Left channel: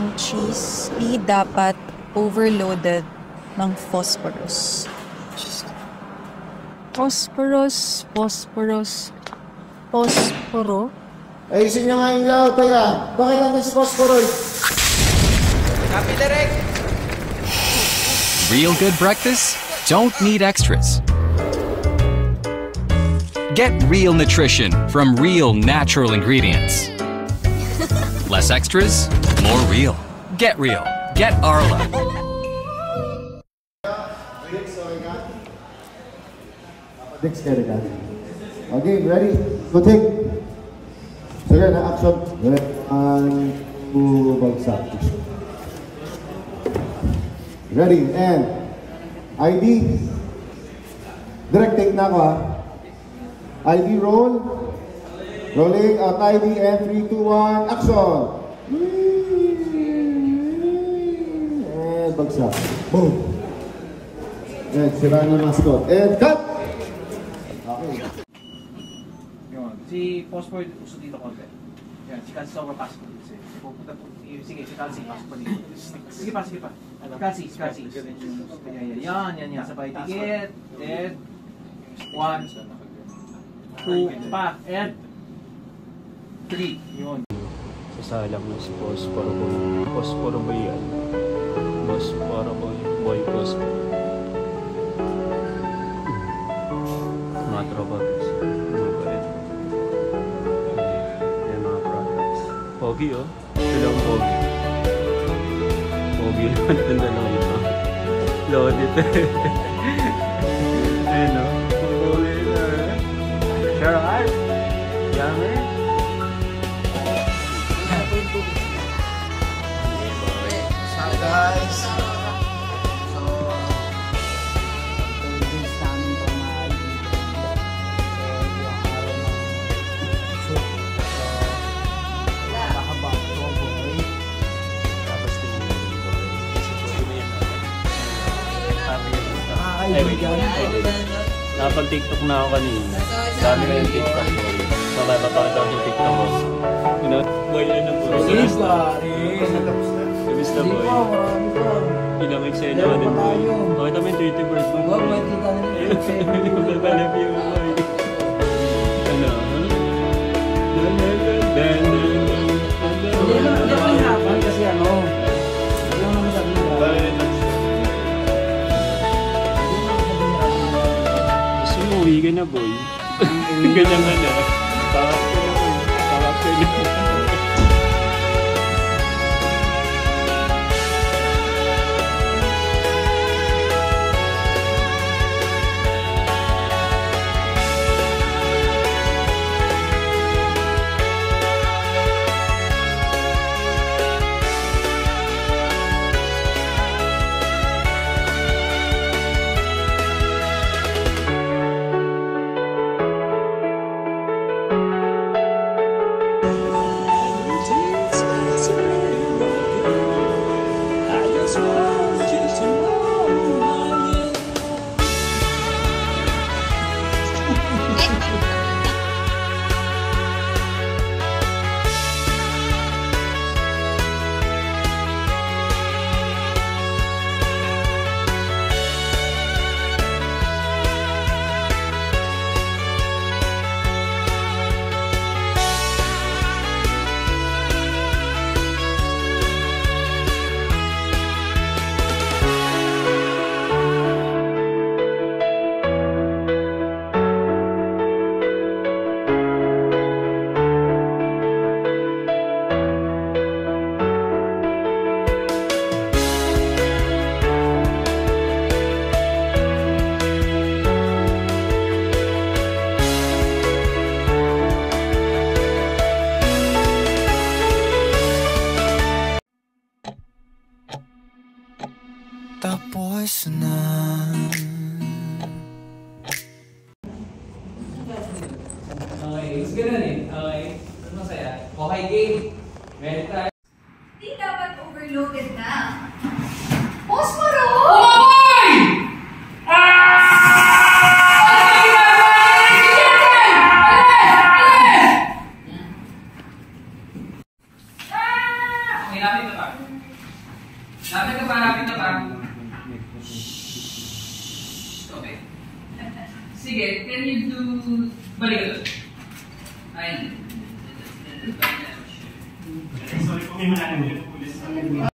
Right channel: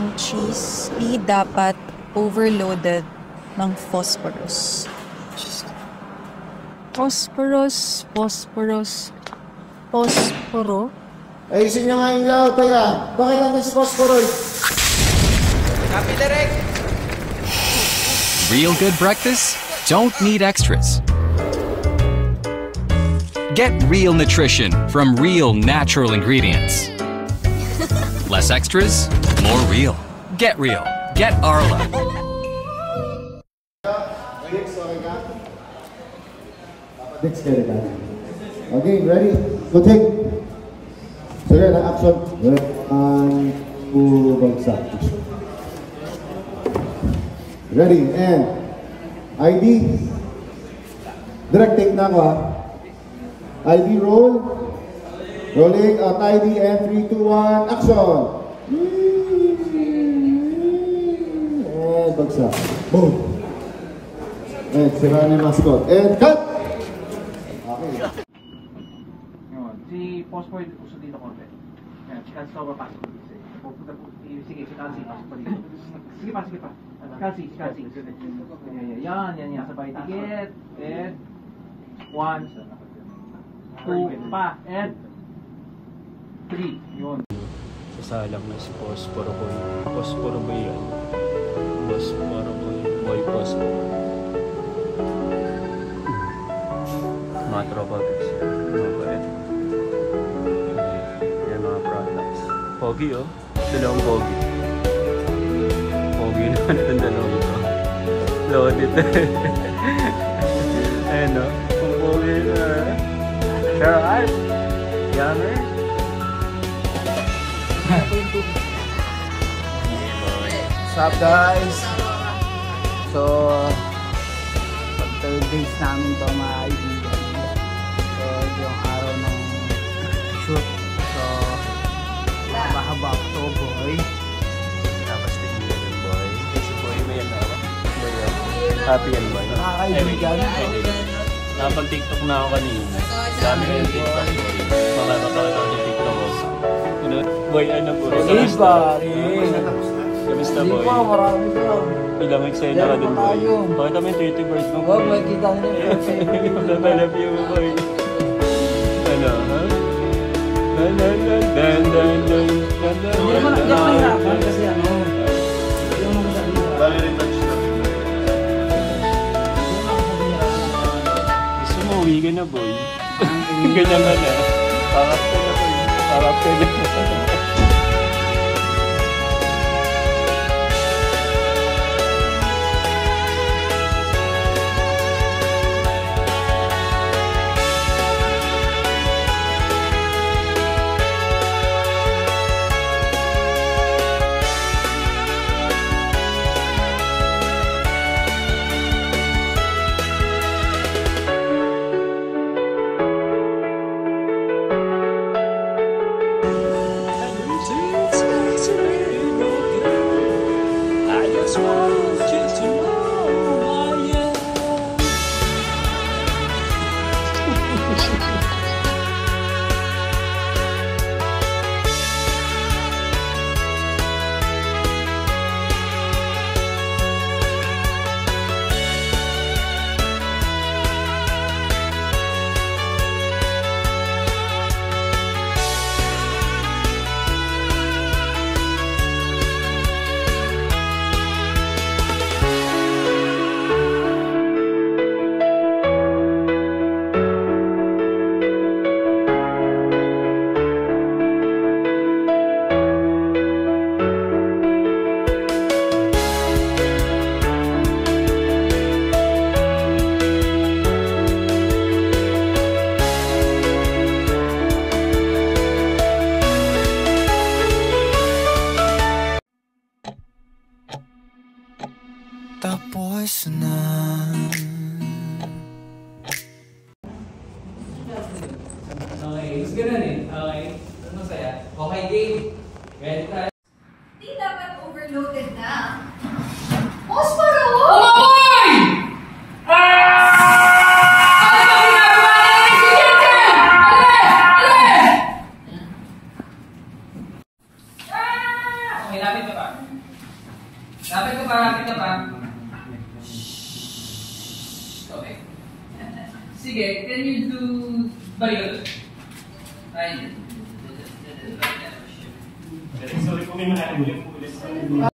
ang cheese, di dapat overloaded ng phosphorus. Phosphoro? Ayusin nyo nga yung laot, teka. Bakit natin si phosphorus? Copy, direct! Real good breakfast? Don't need extras. Get real nutrition from real natural ingredients. Less extras, more real. Get real. Get Arla. Okay, ready? Go take. Sige, na-action. One, two, bagsak. Ready, and ID. Direct take na ako, ha? ID roll. Rolling at ID and 3, 2, 1, action! And bagsak. Boom! And sira na mascot. And cut! Okay. Yun. Si Phosphor uso dito konti. Yan, si Kalsi sa papasok dito. Pupunta po. Sige, si Kalsi, pasok pa dito. Sige pa. Kalsi. Yan. Sabay tikit. And 1, 2, pa. And 3. Yun. Sasalang na si Phosphoro Boy. Phosphoro Boy yan. Phosphoro Boy. Phosphoro. Mga tropa bits yan. Mga bait. Yan mga products. Pogi oh. Dalawang pogi. Pogi naman itong dalawang ito. Loaded. Ayan o. Ang pogi na. Sure art. Yummer. What's up guys? So, pag 3 days namin ito mga kaibigan. So, yung araw ng shoot. So, haba-haba ako boy. Tapos tingin na rin boy. Kasi boy may yan naman. Happy yan boy. Mga kaibigan. Nakapag-TikTok na ako kanina. Dami ko yung TikTok boy. Mapapakita ko sa TikTok ko. You know, boy, ano boy? Solid ba? Kamusta boy? Hindi pa, marami pa. Ilang eksena ka dun boy? Pakita mo yung 30 birds mo boy. Huwag may kita nyo yung eksena. Papalap yung mo boy. Ano, ha? Hindi naman hirapan kasi ano. Hindi naman masabi hirapan. Bali retouch ka. Hindi naman masabi hirapan. Gusto mo, uwi ka na boy. Ganyan ka na. Pakap ka na boy. Pakap ka na. I just want you to know who I am. Tapos na. Okay, sige na rin. Okay. Masaya. Okay, game. Ready tayo. Di dapat overloaded na. Posporo! Umamoy! Okay, natin ito. Lapit ka pa, lapit ka pa. Okay. Sige, can you do... Balik. Ay. Sorry po, may malaking